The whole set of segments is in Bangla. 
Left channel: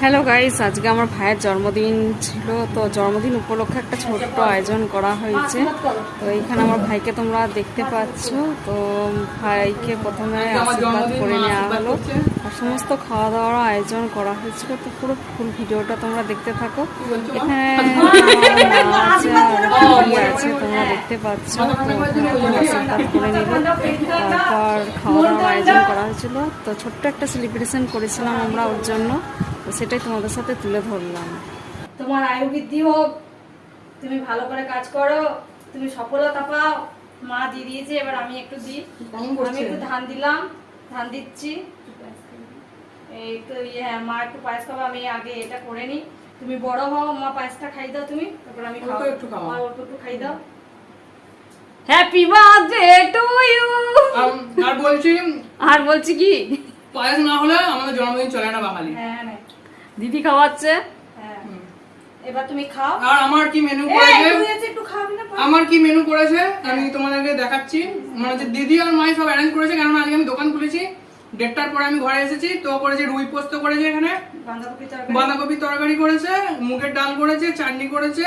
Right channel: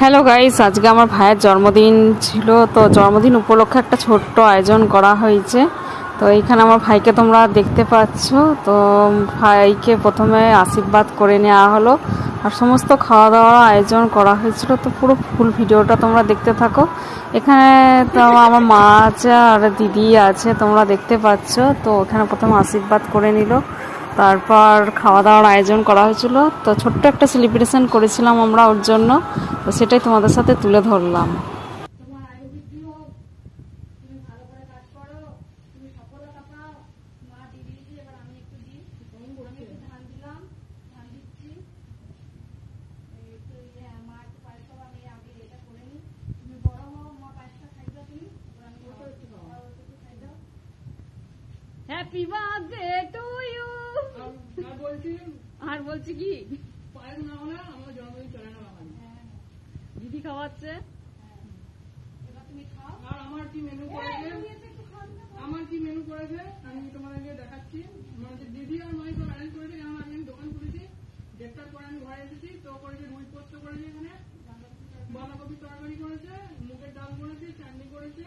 হ্যালো গাইস, আজকে আমার ভাইয়ের জন্মদিন ছিল। তো জন্মদিন উপলক্ষে একটা ছোট্ট আয়োজন করা হয়েছে। তো এইখানে আমার ভাইকে তোমরা দেখতে পাচ্ছ। তো ভাইকে প্রথমে আশীর্বাদ করে নেওয়া হলো, আর সমস্ত খাওয়া দাওয়ার আয়োজন করা হয়েছিল। তো পুরো ফুল ভিডিওটা তোমরা দেখতে থাকো। এখানে তো আমার মা আছে আর দিদি আছে, তোমরা দেখতে পাচ্ছ। তো ওখানে প্রথম আশীর্বাদ করে নিল, তারপর খাওয়া দাওয়ার আয়োজন করা হয়েছিল। তো ছোট্ট একটা সেলিব্রেশন করেছিলাম আমরা ওর জন্য, তো সেটাই তোমাদের সাথে তুলে ধরলাম। তোমার আয়ু বৃদ্ধি হোক, তুমি ভালো করে কাজ করো, তুমি সফলতা পাও। মা দিয়ে দিয়েছে, এবার আমি একটু দিই। আমি একটু ধান দিলাম, ধান দিচ্ছি। এই তো হ্যাঁ, মা একটু পায়েস খাবো, আমি আগে এটা করে নিই। তুমি বড় হও, মা পায়েসটা খাই দাও তুমি, তারপর আমি একটু খাই দাও। Happy birthday to you. আর বলছি কি, পায়েস না হলে আমাদের জন্মদিন চলে না বাঙালি। হ্যাঁ দিদি খাওয়াচ্ছে। হ্যাঁ, এবার তুমি খাও। আর আমার কি মেনু করেছে, একটু খাবি না? আমার কি মেনু করেছে আমি তোমাদেরকে দেখাচ্ছি। মানে হচ্ছে দিদি আর মাই সব অ্যারেঞ্জ করেছে, কেননা আজকে আমি দোকান খুলেছি। 1:30টার পরে আমি ঘরে এসেছি। তো করেছে রুই পোস্ত করেছে, এখানে বাঁধাকপি তরকারি করেছে, মুগের ডাল করেছে, চাটনি করেছে,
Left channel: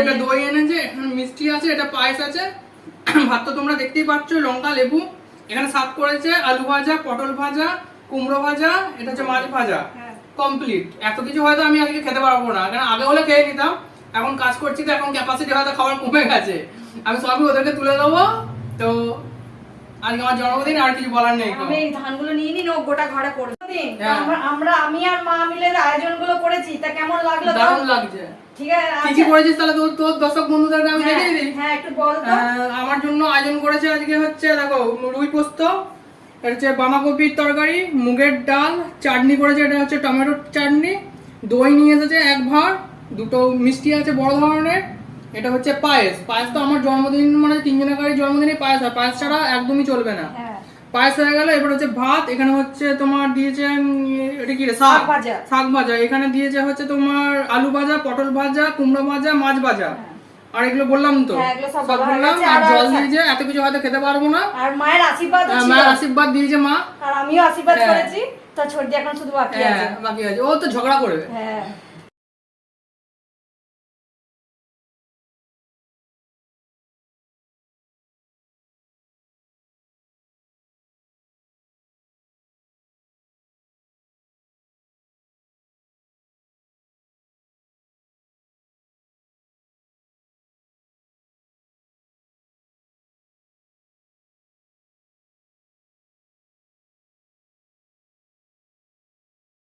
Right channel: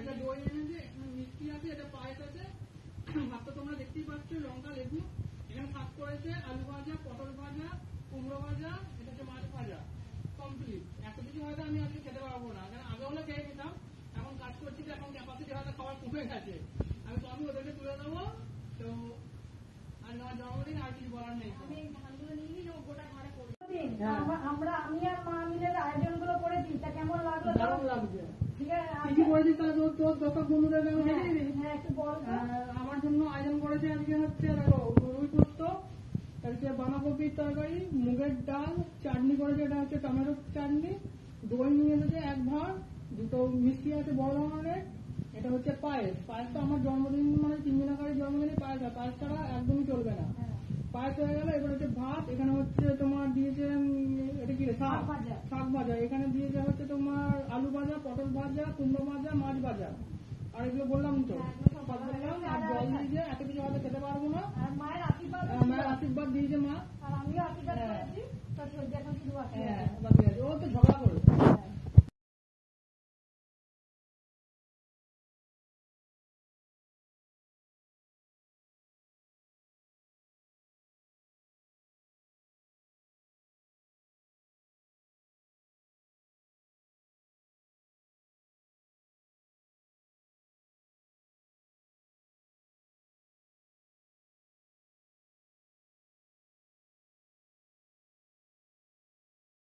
এটা দই এনেছে, এখানে মিষ্টি আছে, এটা পায়েস আছে, ভাত তো তোমরা দেখতেই পাচ্ছ, লঙ্কা লেবু, এখানে শাক করেছে, আলু ভাজা, পটল ভাজা, কুমড়ো ভাজা, এটা হচ্ছে মাছ ভাজা, কমপ্লিট। এত কিছু হয়তো আমি আজকে খেতে পারবো না, কারণ আগে হলে খেয়ে নিতাম। এখন কাজ করছি তো এখন ক্যাপাসিটি হয়তো খাবার কমে গেছে। আমি সবই ওদেরকে তুলে দেবো। তো আজকে আমার জন্মদিন, আর কিছু বলার নেই। আমি এই ধানগুলো নিয়ে নিই, গোটা ঘরে করব। আমি আর মা মিলে আয়োজনগুলো করেছি, তা কেমন লাগলো? দারুণ লাগছে। ঠিক আছে, কি কি করেছিস তাহলে তোর দর্শক বন্ধুদেরকে আমি দেখিয়ে দিই। হ্যাঁ, একটু বল তো। আমার জন্য আয়োজন করেছে আজকে হচ্ছে দেখো, রুই পোস্ত, এটা হচ্ছে বাঁধাকপির তরকারি, মুগের ডাল, চাটনি করেছে, এটা হচ্ছে টমেটোর চাটনি, দই নিয়ে এসেছে 1 ভাঁড়, 2টো মিষ্টি আছে বড় ধরনের, এটা হচ্ছে পায়েস। পায়েস তো আমার জন্মদিন মানে 3 জনের জন্মদিনে পায়েস হয়, পায়েস ছাড়া একদমই চলবে না। পায়েস হয়ে গেল। এবার হচ্ছে ভাত, এখানে হচ্ছে তোমার দিয়েছে এটা কি রে, শাক ভাজা, এখানে দিয়েছে হচ্ছে তোমার আলু ভাজা, পটল ভাজা, কুমড়ো ভাজা, মাছ ভাজা, আর এগুলো বললাম তো, সব বললাম। আর জল দিয়েছে, এত কিছু হয়তো খেতে পারবো না। আর মায়ের আশীর্বাদ, মায়ের আশীর্বাদ দিয়েছে মা, আর আমিও আশীর্বাদ করেছি। তা ছোট এখন শুধু বাকি আছে। ও তো ঝগড়া করবে। হ্যাঁ।